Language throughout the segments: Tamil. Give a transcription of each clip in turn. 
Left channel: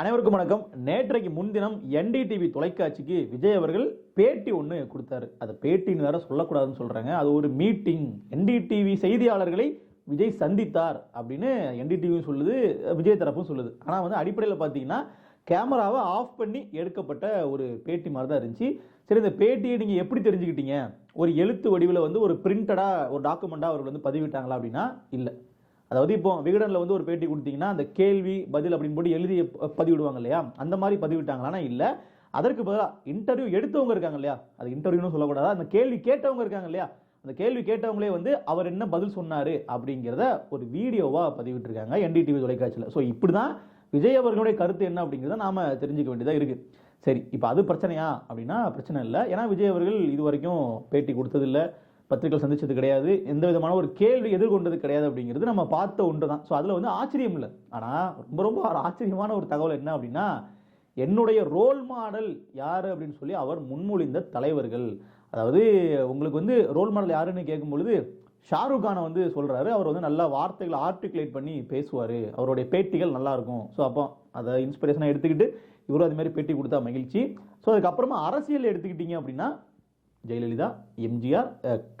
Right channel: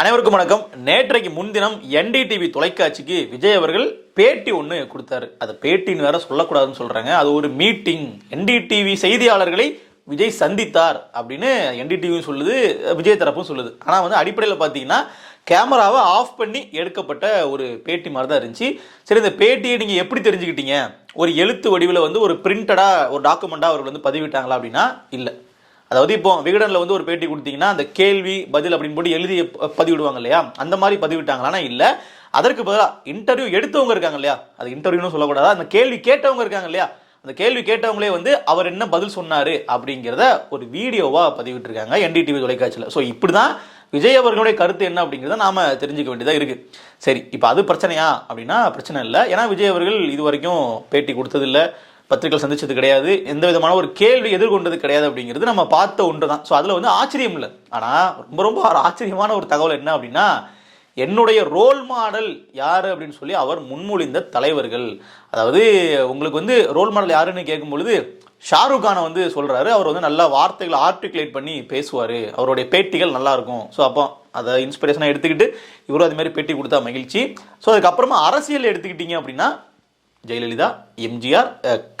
அனைவருக்கும் வணக்கம். நேற்றைக்கு முன்தினம் NDTV தொலைக்காட்சிக்கு விஜய் அவர்கள் பேட்டி ஒன்று கொடுத்தாரு. அது பேட்டின்னு வேற சொல்லக்கூடாதுன்னு சொல்றாங்க. அது ஒரு மீட்டிங். NDTV செய்தியாளர்களை விஜய் சந்தித்தார் அப்படின்னு NDTV சொல்லுது, விஜய் தரப்பும் சொல்லுது. ஆனால் அடிப்படையில் பார்த்தீங்கன்னா கேமராவை ஆஃப் பண்ணி எடுக்கப்பட்ட ஒரு பேட்டி மாதிரி தான் இருந்துச்சு. சரி, இந்த பேட்டியை நீங்கள் எப்படி தெரிஞ்சுக்கிட்டீங்க? ஒரு எழுத்து வடிவில் ஒரு பிரிண்டடாக ஒரு டாக்குமெண்ட்டாக அவர்கள் பதிவிட்டாங்களா அப்படின்னா இல்லை. அதாவது இப்போ விகடனில் ஒரு பேட்டி கொடுத்தீங்கன்னா அந்த கேள்வி பதில் அப்படின்னு போட்டு எழுதி பதிவிடுவாங்க இல்லையா, அந்த மாதிரி பதிவிட்டாங்களான்னா இல்லை. அதற்கு பதிலாக இன்டர்வியூ எடுத்தவங்க இருக்காங்க இல்லையா, அது இன்டர்வியூன்னு சொல்லக்கூடாதா, அந்த கேள்வி கேட்டவங்க இருக்காங்க இல்லையா, அந்த கேள்வி கேட்டவங்களே அவர் என்ன பதில் சொன்னார் அப்படிங்கிறத ஒரு வீடியோவாக பதிவிட்டிருக்காங்க NDTV தொலைக்காட்சியில். ஸோ இப்படி தான் விஜய் அவர்களுடைய கருத்து என்ன அப்படிங்கிறத நாம் தெரிஞ்சுக்க வேண்டியதாக இருக்குது. சரி, இப்போ அது பிரச்சனையா அப்படின்னா பிரச்சனை இல்லை. ஏன்னா விஜய் அவர்கள் இது வரைக்கும் பேட்டி கொடுத்ததில்லை, பத்திரிகை சந்திச்சது கிடையாது, எந்த விதமான ஒரு கேள்வி எதிர்கொண்டது கிடையாது அப்படிங்கிறது நம்ம பார்த்த ஒன்று தான். ஸோ அதில் ஆச்சரியம் இல்லை. ஆனால் ரொம்ப ரொம்ப ஆச்சரியமான ஒரு தகவல் என்ன அப்படின்னா, என்னுடைய ரோல் மாடல் யார் அப்படின்னு சொல்லி அவர் முன்மொழிந்த தலைவர்கள். அதாவது உங்களுக்கு ரோல் மாடல் யாருன்னு கேட்கும் பொழுது ஷாருக் கானை சொல்கிறாரு. அவர் நல்லா வார்த்தைகளை ஆர்டிகுலேட் பண்ணி பேசுவார், அவருடைய பேட்டிகள் நல்லா இருக்கும். ஸோ அப்போ அதை இன்ஸ்பிரேஷனாக எடுத்துக்கிட்டு இவரும் அதுமாதிரி பேட்டி கொடுத்தா மகிழ்ச்சி. ஸோ அதுக்கப்புறமா அரசியல் எடுத்துக்கிட்டீங்க அப்படின்னா ஜெயலலிதா, எம்ஜிஆர்,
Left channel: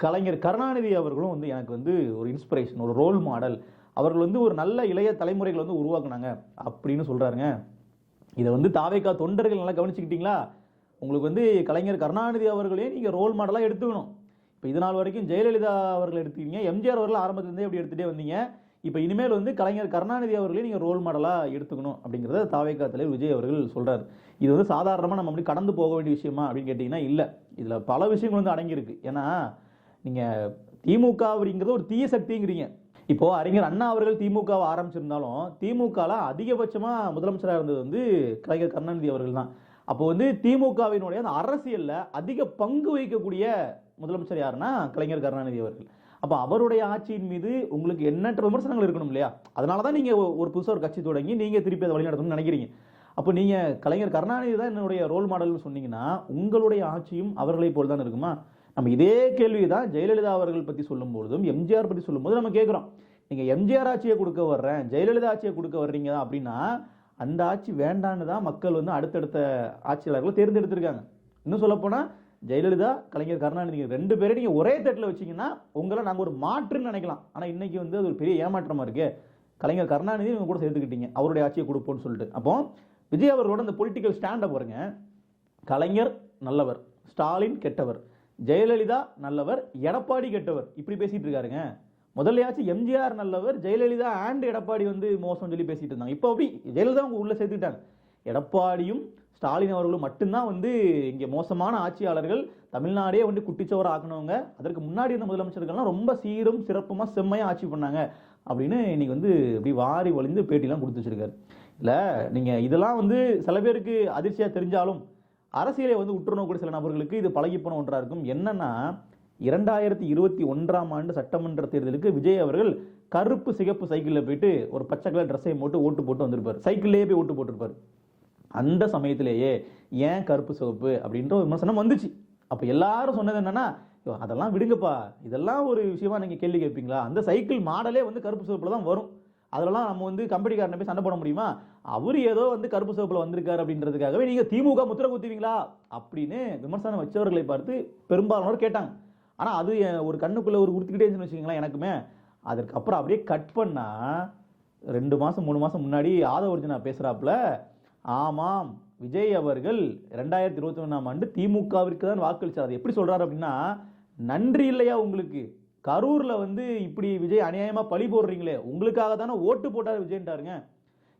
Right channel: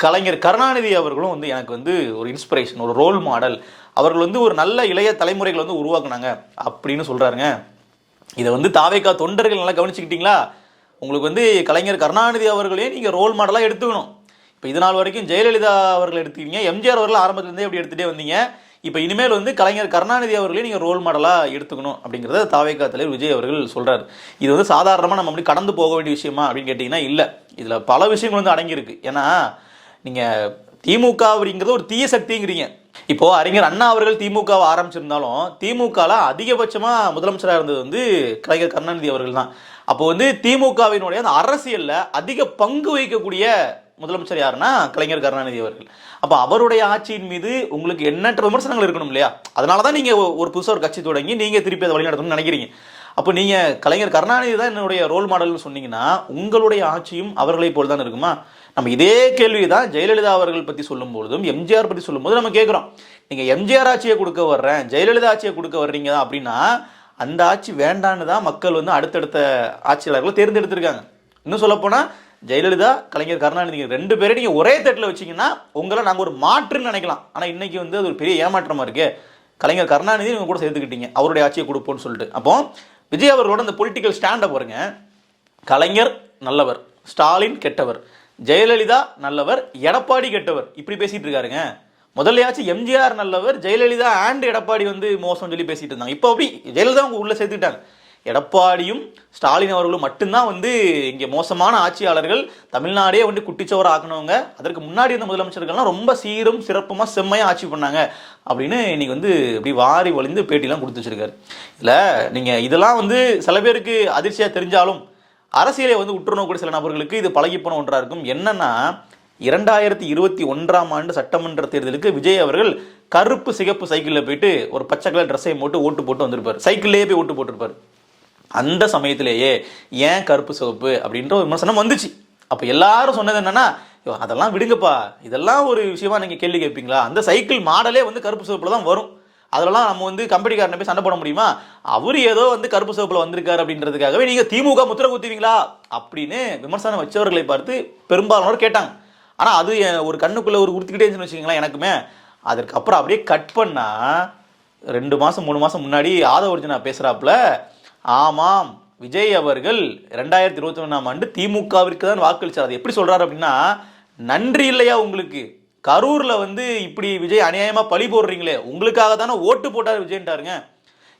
கலைஞர் கருணாநிதி அவர்களும் எனக்கு ஒரு இன்ஸ்பிரேஷன், ஒரு ரோல் மாடல். அவர்கள் ஒரு நல்ல இளைய தலைமுறைகளை உருவாக்குனாங்க அப்படின்னு சொல்கிறாருங்க. இதை தாவேகா தொண்டர்கள் நல்லா கவனிச்சுக்கிட்டீங்களா? உங்களுக்கு கலைஞர் கருணாநிதி அவர்களையும் நீங்கள் ரோல் மாடலாக எடுத்துக்கணும். இப்போ இது நாள் வரைக்கும் ஜெயலலிதா அவர்கள் எடுத்துக்கிங்க, எம்ஜிஆர் அவர்கள் ஆரம்பத்துலேருந்தே எப்படி எடுத்துகிட்டே வந்தீங்க. இப்போ இனிமேல் கலைஞர் கருணாநிதி அவர்களையும் நீங்கள் ரோல் மாடலாக எடுத்துக்கணும் அப்படிங்கிறத தாவேகா தலைவர் விஜய் அவர்கள் சொல்கிறார். இது சாதாரணமாக நம்ம அப்படி கடந்து போக வேண்டிய விஷயமா அப்படின்னு கேட்டிங்கன்னா இல்லை. இதில் பல விஷயங்கள் அடங்கியிருக்கு. ஏன்னா நீங்கள் திமுக அப்படிங்கிறது ஒரு தீய சக்திங்கிறீங்க. இப்போது அறிஞர் அண்ணா அவர்கள் திமுகவை ஆரம்பிச்சிருந்தாலும் திமுகவில் அதிகபட்சமாக முதலமைச்சராக இருந்தது கலைஞர் கருணாநிதி அவர்கள் தான். அப்போது திமுகவினுடைய அந்த அரசியலில் அதிக பங்கு வகிக்கக்கூடிய முதலமைச்சர் யாருன்னா கலைஞர் கருணாநிதி அவர்கள். அப்போ அவருடைய ஆட்சியின் மீது உங்களுக்கு எண்ணற்ற விமர்சனங்கள் இருக்கணும் இல்லையா? அதனால தான் நீங்கள் ஒரு புதுசாக ஒரு கட்சி தொடங்கி நீங்கள் திருப்பி அதை வழிநடத்தணும்னு நினைக்கிறீங்க. அப்போ நீங்கள் கலைஞர் கருணாநிதி தான் என்னுடைய ரோல் மாடல்னு சொன்னீங்கன்னா உங்களுடைய ஆட்சியும் அவர்களை போல் தான் இருக்குமா? நம்ம இதே கேள்வி தான் ஜெயலலிதா அவர்கள் பற்றி சொல்லும் பொழுதும் எம்ஜிஆர் பற்றி சொல்லும்போது நம்ம கேட்குறோம். நீங்கள் எம்ஜிஆர் ஆட்சியை கொடுக்க வர்றேன், ஜெயலலிதா ஆட்சியை கொடுக்க வர்றீங்க அப்படின்னா அந்த ஆட்சி வேண்டான்னு தான் மக்கள் அடுத்தடுத்த ஆட்சியாளர்களை தேர்ந்தெடுத்திருக்காங்க. இன்னும் சொல்லப்போனால் ஜெயலலிதா, கலைஞர் கருணாநிதி ரெண்டு பேரை நீங்கள் ஒரே தட்டில் வச்சிங்கன்னா உங்களை நாங்கள் ஒரு மாற்றுன்னு நினைக்கலாம். ஆனால் இன்றைக்கி அது ஒரு பெரிய ஏமாற்றமாக இருக்கு. கலைஞர் கருணாநிதி நீங்கள் கூட சேர்த்துக்கிட்டீங்க அவருடைய ஆட்சியை கொடுப்போம்னு சொல்லிட்டு. அப்போ விஜய் அவர்களோட அந்த பொலிட்டிக்கல் ஸ்டாண்டை பாருங்க. கலைஞர் நல்லவர், ஸ்டாலின் கெட்டவர், ஜெயலலிதா நல்லவர், எடப்பாடி கெட்டவர், இப்படி பேசிட்டு இருக்காருங்க. முதல்லையாச்சும் எம்ஜிஆர் நல்லவர், ஜெயலலிதா அண்ட் எடப்பாடி மோசம் சொல்லி பேசிட்டு இருந்தாங்க. இப்போ அப்படி ஜெயலலிதா அவங்க உள்ள சேர்த்துக்கிட்டாங்க. எடப்பாடியும் ஸ்டாலின் அவர்களும் மட்டும்தான் இங்கே மோசமான ஆட்சியாளர்கள், தமிழ்நாடே குட்டிச்சோர ஆக்கணவங்க. அதற்கு முன்னாடி இருந்த முதலமைச்சர்கள்லாம் ரொம்ப சீரும் சிறப்புமாக செம்மையாக ஆட்சி பண்ணாங்க அப்படின்னு இன்னைக்கு இப்படி வாரி வழிந்து பேட்டிலாம் கொடுத்து வச்சிருக்காரு. இல்லை நீங்கள் இதெல்லாம் சில பேருக்கு அதிர்ச்சியாக தெரிஞ்சாலும் அரசியலை உற்றுநோக்கூடிய சில நபர்களுக்கு இது பழகிப்போன ஒன்றாக இருக்கும். என்னன்னா 2021ஆம் ஆண்டு சட்டமன்ற தேர்தலுக்கு விஜய் அவர்கள் கருப்பு சிகப்பு சைக்கிளில் போயிட்டு ஒரு பச்சை கலர் ட்ரெஸ்ஸை போட்டு ஓட்டு போட்டு வந்திருப்பார். சைக்கிள்லேயே போய் ஓட்டு போட்டிருப்பார். அந்த சமயத்திலேயே ஏன் கருப்பு சிவப்பு அப்படின்ற ஒரு விமர்சனம் வந்துச்சு. அப்போ எல்லாரும் சொன்னது என்னன்னா, அதெல்லாம் விடுங்கப்பா, இதெல்லாம் ஒரு விஷயமா நீங்கள் கேள்வி கேட்பீங்களா? அந்த சைக்கிள் மாடலே கருப்பு சிவப்புல தான் வரும். அதெல்லாம் நம்ம கம்பெனிக்காரனை போய் சண்டை போட முடியுமா? அவர் ஏதோ கருப்பு சிவப்புல வந்திருக்காரு அப்படின்றதுக்காகவே நீங்கள் திமுக முத்திர குத்துவீங்களா அப்படின்னு விமர்சனம் வச்சவர்களை பார்த்து பெரும்பாலானோர் கேட்டாங்க. ஆனால் அது ஒரு கண்ணுக்குள்ளே ஒரு உறுத்திக்கிட்டே இருந்துச்சுன்னு வச்சுக்கீங்களேன் எனக்குமே. அதற்கப்புறம் அப்படியே கட் பண்ணால் 2 மாதம் 3 மாதம் முன்னாடி ஆதவர்ஜனா பேசுகிறாப்புல, ஆமாம் விஜய் அவர்கள் 2021ஆம் ஆண்டு திமுகவிற்கு தான் வாக்களிச்சார். அது எப்படி சொல்கிறார் அப்படின்னா, நன்றி இல்லையா உங்களுக்கு? கரூரில் இப்படி விஜய் அநியாயமாக பழி போடுறீங்களே, உங்களுக்காக தானே ஓட்டு போட்டார் விஜய்ன்ட்டாருங்க.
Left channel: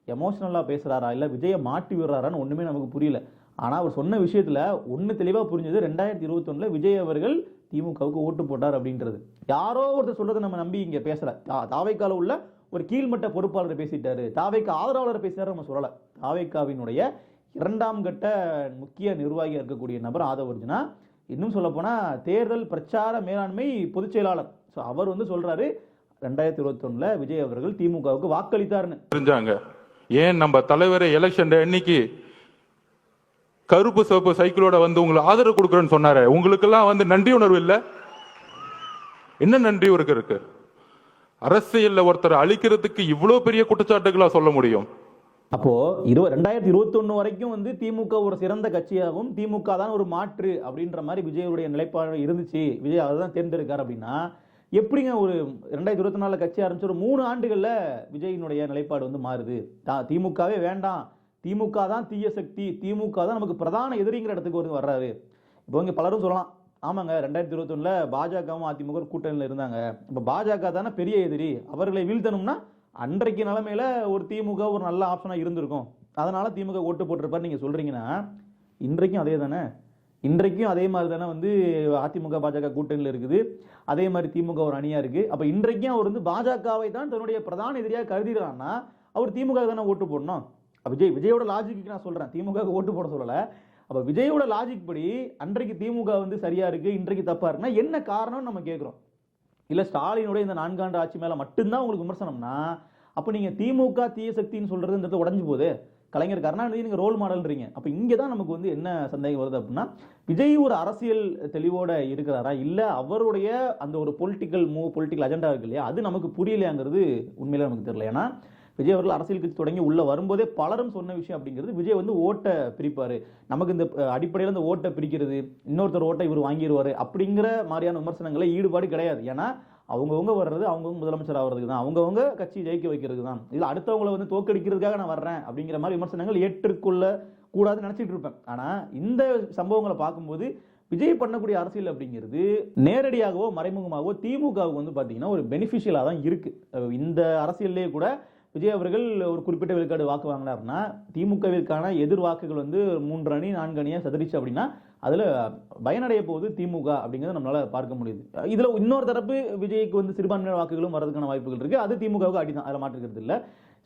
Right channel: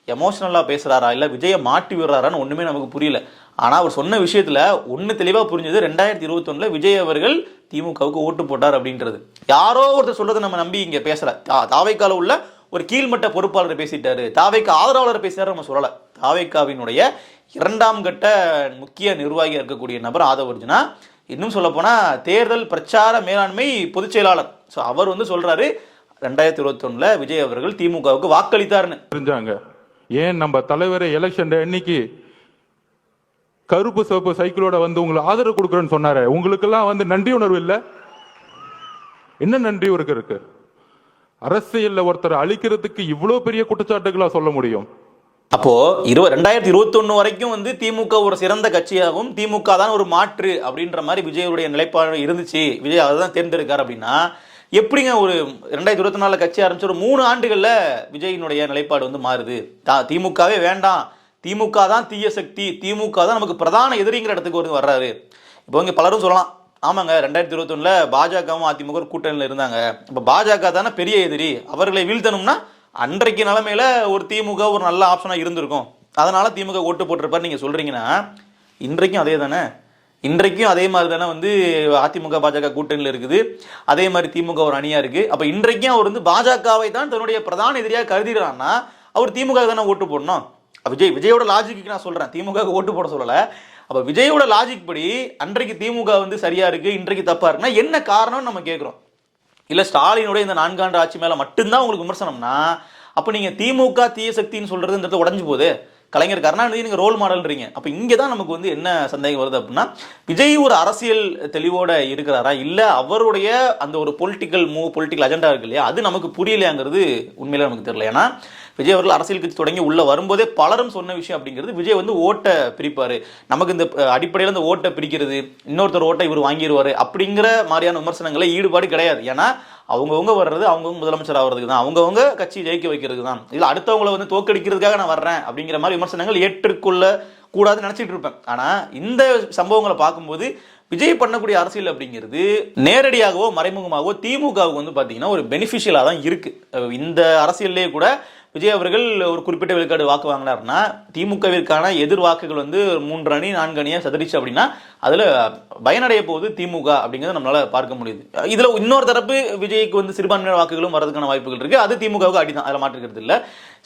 எமோஷனலாக பேசுகிறாரா இல்லை விஜயை மாட்டி விடுறாரான்னு ஒன்றுமே நமக்கு புரியல. ஆனால் அவர் சொன்ன விஷயத்தில் ஒன்று தெளிவாக புரிஞ்சது, 2021 விஜய் அவர்கள் திமுகவுக்கு ஓட்டு போட்டார் அப்படின்றது. யாரோ ஒருத்தர் சொல்கிறத நம்ம நம்பி இங்கே பேசலை. தாவைக்கால உள்ள ஒரு கீழ்மட்ட பொறுப்பாளர் பேசிட்டாரு, தாவைக்கா ஆதரவாளர் பேசிட்டாரு நம்ம சொல்லலை. தாவைக்காவினுடைய 2ஆம் கட்ட முக்கிய நிர்வாகியாக இருக்கக்கூடிய நபர் ஆதவர்ஜனா. இன்னும் சொல்லப்போனால் தேர்தல் பிரச்சார மேலாண்மை பொதுச் செயலாளர். ஸோ அவர் சொல்கிறாரு 2021 விஜய் அவர்கள் திமுகவுக்கு வாக்களித்தார்னு. தெரிஞ்சாங்க. ஏன் நம்ம தலைவரை எலெக்ஷன் அன்னைக்கு கருப்பு சிவப்பு சைக்கிளோட உங்களை ஆதரவு கொடுக்குறேன்னு சொன்னாரு. உங்களுக்கெல்லாம் நன்றி உணர்வு இல்லை? என்ன நன்றி இருக்கு? அரசியல்ல ஒருத்தர் அழிக்கிறதுக்கு இவ்வளவு பெரிய குற்றச்சாட்டுகளா சொல்ல முடியும்? அப்போ 2021 வரைக்கும் வந்து திமுக ஒரு சிறந்த கட்சியாகவும் திமுக தான் ஒரு மாற்று அப்படின்ற மாதிரி விஜயுடைய நிலைப்பாடு இருந்துச்சு, விஜய் அதை தான் தேர்ந்தெடுக்கார் அப்படின்னா எப்படிங்க ஒரு 2024 கட்சி ஆரம்பிச்சு ஒரு 3 ஆண்டுகள்ல விஜயினுடைய நிலைப்பாடு வந்து மாறுது? திமுகவே வேண்டாம், திமுக தான் தீய சக்தி, திமுக தான் நமக்கு பிரதான எதிரிங்கிற இடத்துக்கு ஒரு வர்றாரு. இப்போ இங்க பலரும் சொல்லலாம், ஆமாங்க 2021 பாஜகவும் அதிமுக ஒரு கூட்டணியில் இருந்தாங்க, இப்போ பாஜக தானே பெரிய எதிரி, அவர்களை வீழ்த்தணும்னா அன்றைக்கு நிலைமையில ஒரு திமுக ஒரு நல்ல ஆப்ஷனா இருந்திருக்கும், அதனால திமுக ஓட்டு போட்டிருப்பாரு நீங்க சொல்றீங்கன்னா, இன்றைக்கும் அதே தானே, இன்றைக்கும் அதே மாதிரி தானே வந்து அதிமுக பாஜக கூட்டணியில் இருக்குது, அதே மாதிரி திமுக ஒரு அணியா இருக்கு. அப்ப இன்றைக்கும் அவர் வந்து பாஜகவை தான் தன்னுடைய பிரதான எதிரியாக கருதுகிறான்னா அவர் திமுக தானே ஓட்டு போடணும். விஜயோட லாஜிக்கு நான் சொல்றேன், திமுக ஓட்டு போட சொல்லல. அப்ப விஜயோட லாஜிக் படி அன்றைக்கு திமுக வந்து சரியா இருக்கு, இன்றைக்கு தப்பா இருக்குன்னா என்ன காரணம்னு நம்ம கேட்கிறோம். இல்ல ஸ்டாலினுடைய இந்த 4 ஆண்டு ஆட்சி மேல மட்டும்தான் உங்களுக்கு விமர்சனம்னா அப்ப நீங்க திமுக தீய சக்தின்னு சொல்றது இந்த இடத்துல உடஞ்சு போகுது. கலைஞர் கருணாநிதி நீங்க ரோல் மாடல்ன்றீங்க. அப்ப இங்க தான் நமக்கு வந்து என்ன சந்தேகம் வருது அப்படின்னா, விஜய் ஒரு அரசியல் தெளிவோட இருக்கிறாரா, இல்ல அவருடைய அந்த ஒரு பொலிட்டிக்கல் அஜெண்டா இருக்கு இல்லையா, அது நமக்கு புரியலையாங்கிறது உண்மையில நமக்கு தெரியல. ஏன்னா விஜய் அவர்கள் அரசியல் கட்சி தொடங்கி உள்ள வரும்போதே பலரும் சொன்ன விஷயம் அப்படிங்கிறது, விஜய் வந்து ஓட்டை பிரிப்பாரு, நமக்கு இந்த அடிப்படையில் இந்த ஓட்டை பிரிக்கிறது, இன்னொருத்தர் ஓட்டை இவர் வாங்கிடுவாரு அப்படிங்கிற மாதிரியான விமர்சனங்களை ஈடுபாடு கிடையாது. ஏன்னா அவங்கவுங்க வர்றது அவங்கவுங்க முதலமைச்சர் ஆகிறதுக்கு தான், அவங்கவுங்க கட்சி ஜெயிக்க வைக்கிறதுக்கு தான், இல்லை அடுத்தவங்களை வந்து தோக்கடிக்கிறதுக்காக நான் வர்றேன் அப்படிங்கிற மாதிரி விமர்சனங்கள் ஏற்றுக்கொள்ள கூடாதுன்னு நினைச்சிட்டு இருப்பேன். ஆனா இந்த சம்பவங்களை பார்க்கும்போது விஜய் பண்ணக்கூடிய அரசியல் அப்படிங்கிறது நேரடியாகவோ மறைமுகமாகவோ திமுகவுக்கு வந்து பார்த்தீங்கன்னா ஒரு பெனிஃபிஷியலாக தான் இருக்கு. இந்த அரசியல்லே கூட விஜய் அவர்கள் ஒரு குறிப்பிட்ட விழுக்காடு வாக்கு வாங்கினார்னா திமுகவிற்கான எதிர் வாக்குகள் வந்து 3 அணி 4 அணியாக சதறிச்சு அப்படின்னா அதில் பயனடைய போகுது திமுக அப்படிங்கிறத நம்மளால பார்க்க முடியுது. இதில் இன்னொரு தரப்பு விஜய்க்கு வந்து சிறுபான்மையான வாக்குகளும் வரதுக்கான வாய்ப்புகள் இருக்கு, அது திமுகவுக்கு அடிதான், அதில் மாற்றுக்கிறது இல்லை.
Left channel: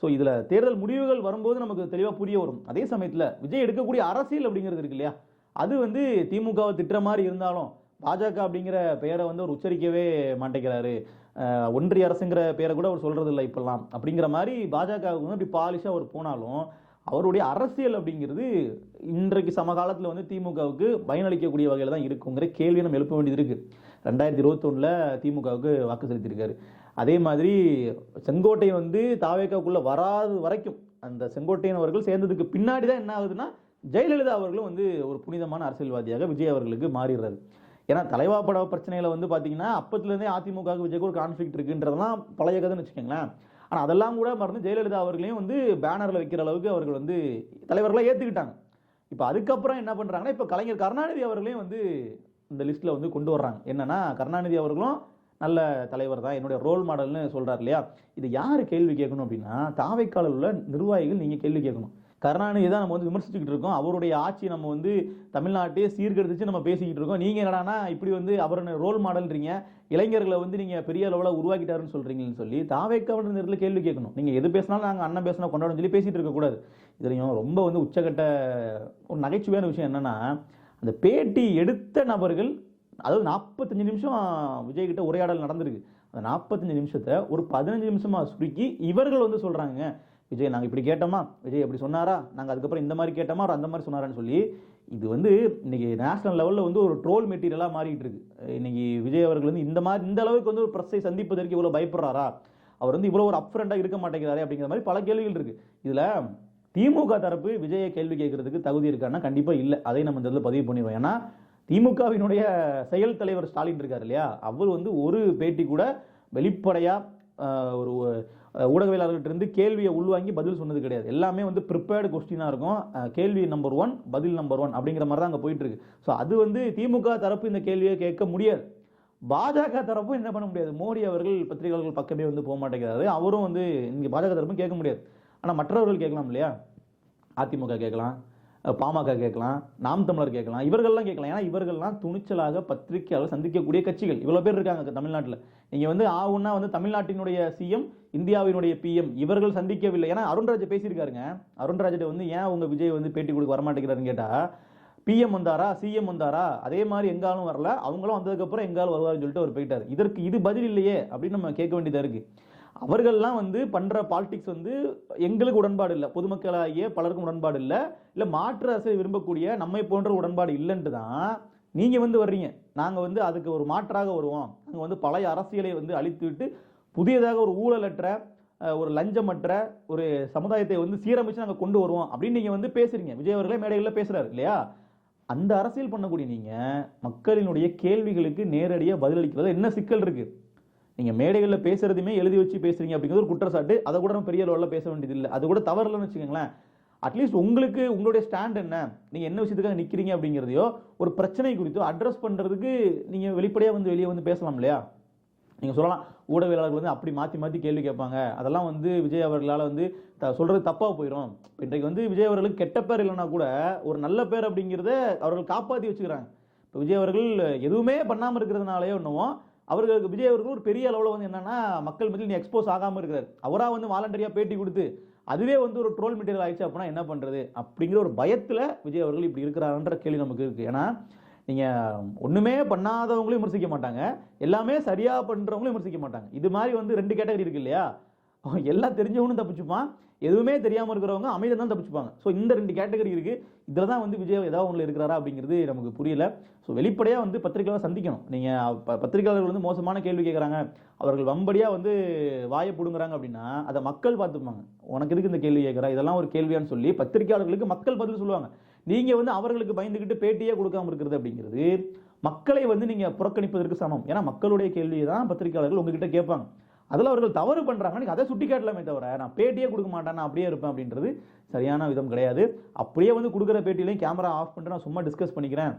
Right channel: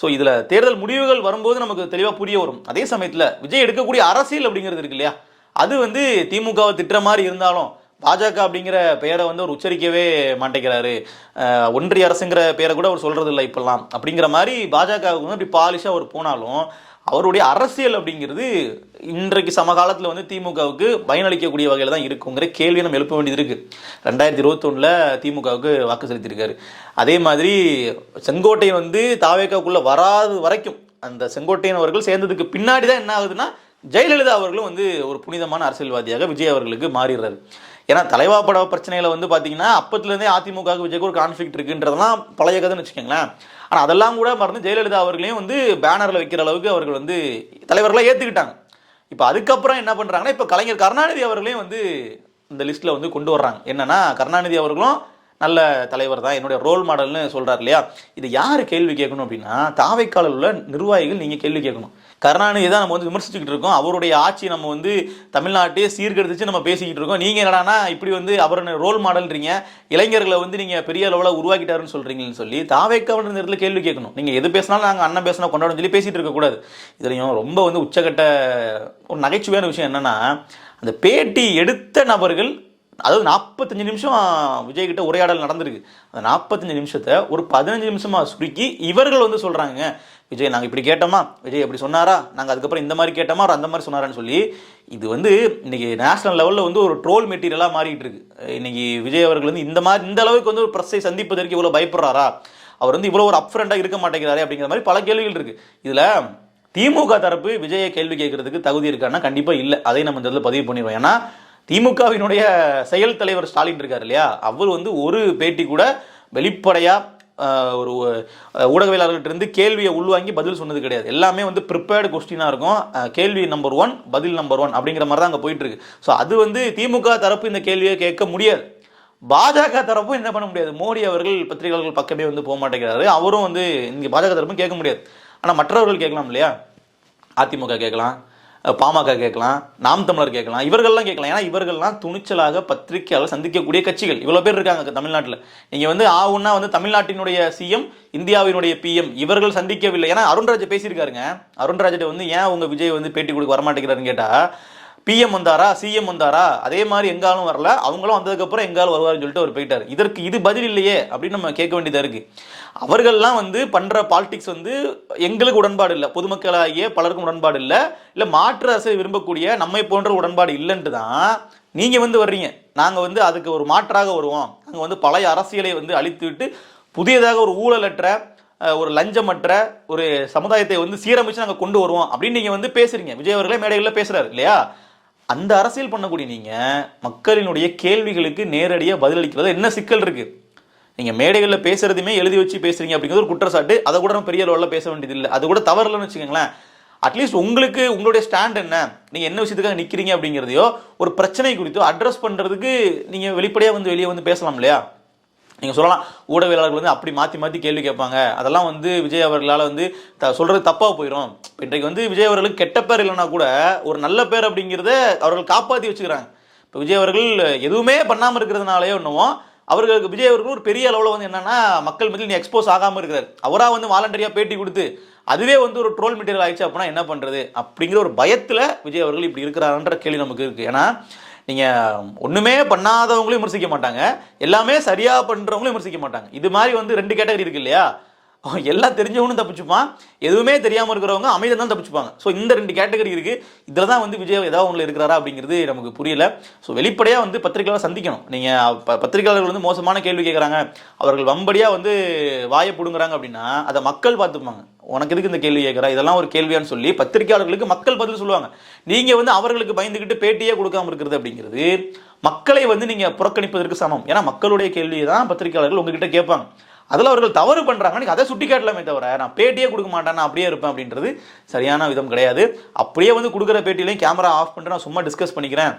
ஸோ இதில் தேர்தல் முடிவுகள் வரும்போது நமக்கு தெளிவாக புரிய வரும். அதே சமயத்தில் விஜய் எடுக்கக்கூடிய அரசியல் அப்படிங்கிறது இருக்கு இல்லையா, அது வந்து திமுகவை திட்டுற மாதிரி இருந்தாலும் பாஜக அப்படிங்கிற பெயரை வந்து அவர் உச்சரிக்கவே மாட்டேங்கிறாரு, ஒன்றிய அரசுங்கிற பெயரை கூட அவர் சொல்றது இல்லை இப்பெல்லாம் அப்படிங்கிற மாதிரி பாஜகவுக்கு வந்து அப்படி பாலிஷாக அவர் போனாலும் அவருடைய அரசியல் அப்படிங்கிறது இன்றைக்கு சமகாலத்தில் வந்து திமுகவுக்கு பயனளிக்கக்கூடிய வகையில் தான் இருக்குங்கிற கேள்வியை நம்ம எழுப்ப வேண்டியது இருக்கு. 2021 திமுகவுக்கு வாக்கு செலுத்தியிருக்காரு. அதே மாதிரி செங்கோட்டையன் வந்து தாவேக்காவுக்குள்ள வராது வரைக்கும் அந்த செங்கோட்டையன் அவர்கள் சேர்ந்ததுக்கு பின்னாடி தான் என்ன ஆகுதுன்னா ஜெயலலிதா அவர்களும் வந்து ஒரு புனிதமான அரசியல்வாதியாக விஜய் அவர்களுக்கு மாறிடுறாரு. ஏன்னா தலைவா பட பிரச்சனையில வந்து பார்த்தீங்கன்னா அப்பத்துலேருந்தே அதிமுக விஜய்க்கு ஒரு கான்ஃபிளிக்ட் இருக்குன்றதெல்லாம் பழைய கதைன்னு வச்சுக்கோங்களேன். ஆனால் அதெல்லாம் கூட மறந்து ஜெயலலிதா அவர்களையும் வந்து பேனரில் வைக்கிற அளவுக்கு அவர்கள் வந்து தலைவர்களாக ஏற்றுக்கிட்டாங்க. இப்போ அதுக்கப்புறம் என்ன பண்ணுறாங்கன்னா இப்போ கலைஞர் கருணாநிதி அவர்களையும் வந்து இந்த லிஸ்ட்டில் வந்து கொண்டு வர்றாங்க. என்னன்னா கருணாநிதி அவர்களும் நல்ல தலைவர் தான், என்னுடைய ரோல் மாடல்னு சொல்றாரு இல்லையா. இது யாரு கேள்வி கேட்கணும் அப்படின்னா தாவைக்காலில் உள்ள நிர்வாகிகள் நீங்க கேள்வி கேட்கணும். கருணாநிதி தான் நம்ம வந்து விமர்சிச்சுக்கிட்டு இருக்கோம், அவருடைய ஆட்சி நம்ம வந்து தமிழ்நாட்டையே சீர்கெடுத்துச்சு நம்ம பேசிக்கிட்டு இருக்கோம், நீங்க என்னடானா இப்படி வந்து அவரை ரோல் மாடல்ன்றீங்க, இளைஞர்களை வந்து நீங்க பெரிய அளவில் உருவாக்கிட்டாருன்னு சொல்றீங்கன்னு சொல்லி தாவைக்கால் நேரத்தில் கேள்வி கேட்கணும். நீங்க எது பேசினாலும் நாங்கள் அண்ணன் பேசினா கொண்டாடும் சொல்லி பேசிட்டு இருக்கக்கூடாது. இதுலையும் ரொம்ப வந்து உச்சகட்ட ஒரு நகைச்சுவையான விஷயம் என்னன்னா, அந்த பேட்டி எடுத்த நபர்கள், அதாவது 45 நிமிஷம் விஜய் கிட்ட உரையாடல் நடந்திருக்கு, அந்த 45 நிமிஷத்தை ஒரு 15 நிமிஷமா சுருக்கி இவர்கள் வந்து சொல்றாங்க, விஜய் நாங்கள் இப்படி கேட்டோமா, விஜய் அப்படி சொன்னாரா, நாங்கள் அதுக்கப்புறம் இந்த மாதிரி கேட்டோமா, அவர் அந்த மாதிரி சொன்னாரான்னு சொல்லி இது வந்து இன்னைக்கு நேஷனல் லெவலில் வந்து ஒரு ட்ரோல் மெட்டீரியலாக மாறிட்டு இருக்கு. இன்னைக்கு விஜய் அவர்கள் வந்து இந்த அளவுக்கு வந்து ஒரு பிரஸ்ஸை சந்திப்பதற்கு இவ்வளோ பயப்படுறாரா, அவர் வந்து இவ்வளோ ஒரு அப்ஃப்ரண்டாக இருக்க மாட்டேங்கிறாரே அப்படிங்கிற மாதிரி பல கேள்விகள் இருக்கு. இதில் திமுக தரப்பு விஜயை கேள்வி கேட்கறதுக்கு தகுதி இருக்கான்னா கண்டிப்பாக இல்லை. அதை நம்ம இந்த இடத்துல பதிவு பண்ணிடுவோம். ஏன்னா திமுகவினுடைய செயல் தலைவர் ஸ்டாலின் இருக்கார் இல்லையா, அவர் வந்து ஒரு பேட்டி கூட வெளிப்படையா ஒரு ஊடகவியலாளர்கிட்ட இருந்து கேள்வியை உள்வாங்கி பதில் சொன்னது கிடையாது. எல்லாமே வந்து ப்ரிப்பேர்டு கொஸ்டினா இருக்கும், கேள்வி நம்பர் 1 பதில் நம்பர் 1 அப்படிங்கிற மாதிரி தான் அங்கே போயிட்டு இருக்கு. ஸோ அது வந்து திமுக தரப்பு இந்த கேள்வியை கேட்க முடியாது, பாஜக தரப்பும் என்ன பண்ண முடியாது. மோடி அவர்கள் பத்திரிகையாளர்கள் பக்கமே வந்து போக மாட்டேங்கிறாரு, அவரும் வந்து இங்கே பாஜக தரப்பும் கேட்க முடியாது. ஆனால் மற்றவர்கள் கேட்கலாம் இல்லையா, அதிமுக கேட்கலாம், பாமக கேட்கலாம், நாம் தமிழர் கேட்கலாம், இவர்கள்லாம் கேட்கலாம். ஏன்னா இவர்கள்லாம் துணிச்சலாக பத்திரிகையாளர் சந்திக்கக்கூடிய கட்சிகள் இவ்வளோ பேர் இருக்காங்க தமிழ்நாட்டில். நீங்கள் வந்து ஆவுன்னா வந்து தமிழ்நாட்டினுடைய சிஎம் இந்தியாவினுடைய பிஎம் இவர்கள் சந்திக்கவில்லை. ஏன்னா அருண்ராஜ் பேசியிருக்காருங்க, அருண்ராஜிட்ட வந்து ஏன் உங்க விஜய் வந்து பேட்டி கொடுக்க வரமாட்டேங்கிறாருன்னு கேட்டால், பிஎம் வந்தாரா சிஎம் வந்தாரா அதே மாதிரி எங்காலும் வரல, அவங்களும் வந்ததுக்கப்புறம் எங்காலும் வருவாருன்னு சொல்லிட்டு அவர் போயிட்டார். இதற்கு இது பதில் இல்லையே அப்படின்னு நம்ம கேட்க வேண்டியதாக இருக்கு. அவர்கள்லாம் வந்து பண்ற பாலிடிக்ஸ் வந்து எங்களுக்கு உடன்பாடு இல்லை, பொதுமக்களாகிய பலருக்கும் உடன்பாடு இல்லை, இல்லை மாற்று அரசை விரும்பக்கூடிய நம்மை போன்ற உடன்பாடு இல்லைன்ட்டு தான் நீங்க வந்து வர்றீங்க. நாங்க வந்து அதுக்கு ஒரு மாற்றாக வருவோம், நாங்கள் வந்து பழைய அரசியலை வந்து அழித்து விட்டு புதியதாக ஒரு ஊழலற்ற ஒரு லஞ்சமற்ற ஒரு சமுதாயத்தை வந்து சீரமைச்சு நாங்கள் கொண்டு வருவோம் அப்படின்னு நீங்க வந்து பேசுறீங்க. விஜய் அவர்களே மேடைகளில் பேசுறாரு இல்லையா? அந்த அரசியல் பண்ணக்கூடிய நீங்க மக்களினுடைய கேள்விகளுக்கு நேரடியாக பதிலளிக்கிறது என்ன சிக்கல் இருக்கு? நீங்க மேடைகளில் பேசுறதுமே எழுதி வச்சு பேசுறீங்க அப்படிங்கிறது ஒரு குற்றச்சாட்டு. அதை கூட நம்ம பெரிய லெவலில் பேச வேண்டியது இல்லை. அது கூட தவறலன்னு வச்சுக்கோங்களேன். அட்லீஸ்ட் உங்களுக்கு உங்களுடைய ஸ்டாண்ட் என்ன, நீங்க என்ன விஷயத்துக்காக நிக்கிறீங்க அப்படிங்கிறதையோ ஒரு பிரச்சனை குறித்தோ அட்ரஸ் பண்றதுக்கு நீங்க வெளிப்படையா வந்து வெளியே வந்து பேசலாம் இல்லையா? நீங்க சொல்லலாம் ஊடகவியலாளர்கள் வந்து அப்படி மாத்தி மாத்தி கேள்வி கேட்பாங்க, அதெல்லாம் வந்து விஜய் அவர்களால் வந்து சொல்றது தப்பா போயிடும். இன்றைக்கு வந்து விஜய் அவர்களுக்கு கெட்ட பேர் இல்லைன்னா கூட ஒரு நல்ல பேர் அப்படிங்கிறத அவர்கள் காப்பாற்றி வச்சுக்கிறாங்க. இப்போ விஜய் அவர்கள் எதுவுமே பண்ணாமல் இருக்கிறதுனாலே ஒன்றும் அவர்களுக்கு விஜய் அவர்கள் ஒரு பெரிய அளவில் வந்து என்னன்னா மக்கள் மத்தியில் எக்ஸ்போஸ் ஆகாமல் இருக்கிறார். அவராக வந்து வாலண்டரியாக பேட்டி கொடுத்து அதுவே வந்து ஒரு ட்ரோல் மெட்டீரியல் ஆயிடுச்சு அப்படின்னா என்ன பண்றது அப்படிங்கிற ஒரு பயத்தில் விஜய் அவர்கள் இப்படி இருக்கிறாருன்ற கேள்வி நமக்கு இருக்கு. ஏன்னா நீங்க ஒண்ணுமே பண்ணாதவங்களையும் விமர்சிக்க மாட்டாங்க, எல்லாமே சரியா பண்றவங்களையும் விமர்சிக்க மாட்டாங்க. இது மாதிரி வந்து 2 கேட்டகரி இருக்கு இல்லையா? எல்லாம் தெரிஞ்சவனும் தப்பிச்சுப்பான், எதுவுமே தெரியாம இருக்கிறவங்க அமைதியா தான் தப்பிச்சுப்பாங்க. ஸோ இந்த 2 கேட்டகரி இருக்கு. இதில் தான் வந்து விஜய் ஏதாவது ஒன்றில் இருக்கிறாரா அப்படிங்கிறது நமக்கு புரியல. ஸோ வெளிப்படையாக வந்து பத்திரிகையாளர் சந்திக்கணும். நீங்கள் பத்திரிகையாளர்கள் வந்து மோசமான கேள்வி கேட்குறாங்க, அவர்கள் வம்படியாக வந்து வாயை பிடுங்குறாங்க அப்படின்னா அதை மக்கள் பார்த்துப்பாங்க. உனக்கு எதுக்கு இந்த கேள்வி கேட்குறா, இதெல்லாம் ஒரு கேள்வியான்னு சொல்லி பத்திரிகையாளர்களுக்கு மக்கள் பதில் சொல்லுவாங்க. நீங்கள் வந்து அவர்களுக்கு பயந்துக்கிட்டு பேட்டியே கொடுக்காம இருக்கிறது அப்படிங்கிறது மக்களை வந்து நீங்கள் புறக்கணிப்பதற்கு சமம். ஏன்னா மக்களுடைய கேள்வியை தான் பத்திரிகையாளர்கள் உங்ககிட்ட கேட்பாங்க. அதில் அவர்கள் தவறு பண்ணுறாங்க, அதை சுட்டி காட்டலாமே தவிர நான் பேட்டியே கொடுக்க மாட்டேன், நான் அப்படியே இருப்பேன் அப்படின்றது சரியான விதம் கிடையாது. அப்படியே வந்து கொடுக்குற பேட்டிலையும் கேமரா ஆஃப் பண்ணிட்டு நான் சும்மா டிஸ்கஸ் பண்ணிக்கிறேன்,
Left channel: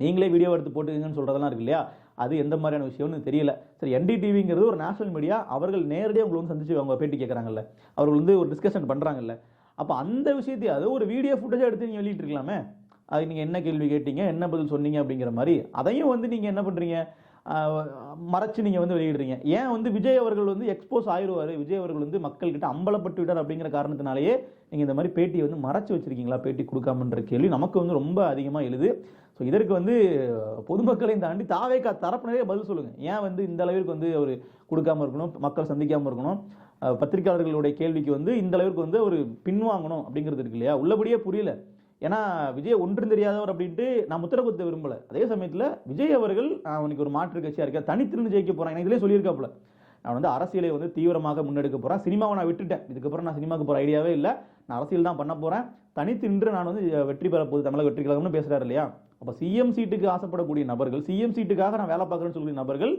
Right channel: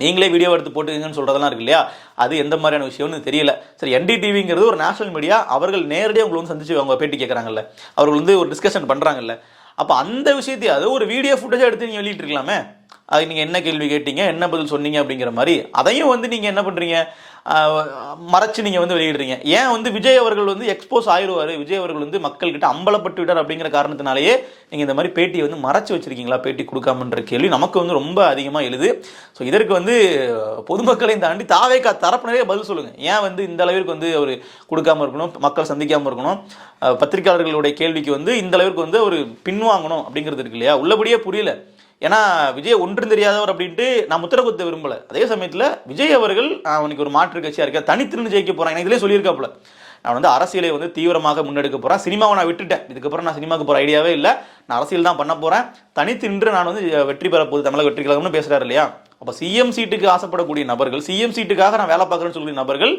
நீங்களே வீடியோ எடுத்து போட்டுக்கங்கன்னு சொல்கிறதெல்லாம் இருக்கு இல்லையா? அது எந்த மாதிரியான விஷயம்னு தெரியல. சரி, NDTVங்கிறது ஒரு நேஷனல் மீடியா, அவர்கள் நேரடியாக உங்களை வந்து சந்திச்சு அவங்க பேட்டி கேட்குறாங்கல்ல, அவர்கள் வந்து ஒரு டிஸ்கஷன் பண்ணுறாங்கல்ல, அப்போ அந்த விஷயத்தையும் அது ஒரு வீடியோ ஃபுட்டேஜாக எடுத்து நீங்கள் வெளியிட்டிருக்கலாமே. அது நீங்கள் என்ன கேள்வி கேட்டீங்க, என்ன பதில் சொன்னீங்க அப்படிங்கிற மாதிரி அதையும் வந்து நீங்கள் என்ன பண்ணுறீங்க, மறைச்சு நீங்கள் வந்து வெளியிடுறீங்க. ஏன் வந்து விஜய் அவர்கள் வந்து எக்ஸ்போஸ் ஆயிடுவார், விஜய் அவர்கள் வந்து மக்கள்கிட்ட அம்பலப்பட்டு விட்டார் அப்படிங்கிற காரணத்தினாலேயே நீங்கள் இந்த மாதிரி பேட்டியை வந்து மறைச்சு வச்சிருக்கீங்களா, பேட்டி கொடுக்காமன்ற கேள்வி நமக்கு வந்து ரொம்ப அதிகமாக எழுது. ஸோ இதற்கு வந்து பொதுமக்களையும் தாண்டி தாவேகா தரப்பினரே பதில் சொல்லுங்கள். ஏன் வந்து இந்த அளவிற்கு வந்து அவர் கொடுக்காமல் இருக்கணும், மக்கள் சந்திக்காமல் இருக்கணும், பத்திரிகையாளர்களுடைய கேள்விக்கு வந்து இந்த அளவிற்கு வந்து ஒரு பின்வாங்கணும் அப்படிங்கிறது இருக்கு இல்லையா? உள்ளபடியே புரியல. ஏன்னா விஜய் ஒன்றும் தெரியாதவர் அப்படின்ட்டு நான் முத்திர குத்த விரும்பல. அதே சமயத்தில் விஜய் அவர்கள் அவனுக்கு ஒரு மாற்று கட்சியாக இருக்க தனித்திருந்து ஜெயிக்க போறான், எனக்கு இதிலே சொல்லியிருக்காப்புல, நான் வந்து அரசியலை வந்து தீவிரமாக முன்னெடுக்க போறேன், சினிமாவை நான் விட்டுட்டேன், இதுக்கப்புறம் நான் சினிமாவுக்கு போற ஐடியாவே இல்லை, நான் அரசியல் தான் பண்ண போறேன், தனித்து நின்று நான் வந்து வெற்றி பெற போகுது தமிழக வெற்றி கழகம்னு பேசுறாரு இல்லையா? அப்போ சிஎம் சீட்டுக்கு ஆசைப்படக்கூடிய நபர்கள், சிஎம் சீட்டுக்காக நான் வேலை பார்க்குறேன்னு சொல்லக்கூடிய நபர்கள்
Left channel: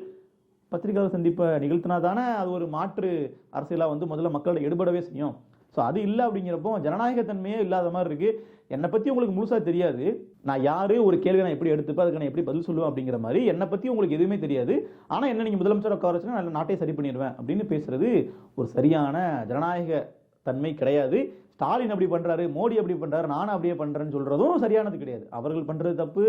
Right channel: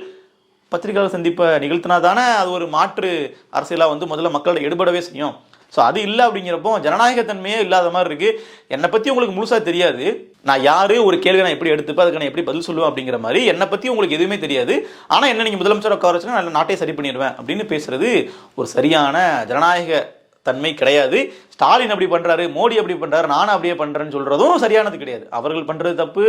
பத்திரிகையாளர் சந்திப்பை நிகழ்த்தினா தானே அது ஒரு மாற்று அரசியலாக வந்து முதல்ல மக்களோட எடுபடவே செய்யும். ஸோ அது இல்லை அப்படிங்கிறப்போ ஜனநாயகத்தன்மையே இல்லாத மாதிரி இருக்கு. என்னை பற்றி உங்களுக்கு முழுசாக தெரியாது, நான் யாரு, ஒரு கேள்வி நான் எப்படி எடுத்துப்பேன், அதுக்கு நான் எப்படி பதில் சொல்லுவேன் அப்படிங்கிற மாதிரி என்னை பற்றி உங்களுக்கு எதுவுமே தெரியாது. ஆனால் என்ன நீங்கள் முதலமைச்சர் உட்கார வச்சுன்னா நான் நாட்டை சரி பண்ணிடுவேன் அப்படின்னு பேசுறது ஒரு சரியான ஜனநாயக தன்மை கிடையாது. ஸ்டாலின் அப்படி பண்றாரு, மோடி அப்படி பண்றாரு, நானும் அப்படியே பண்றேன்னு சொல்றதும் சரியானது கிடையாது. அவர்கள் பண்றது தப்பு,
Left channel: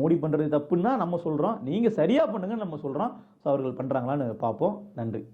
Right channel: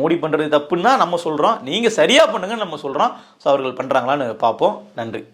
மோடி பண்றது தப்புன்னா நம்ம சொல்றோம், நீங்க சரியா பண்ணுங்கன்னு நம்ம சொல்றோம். ஸோ அவர்கள் பண்றாங்களான்னு பார்ப்போம். நன்றி.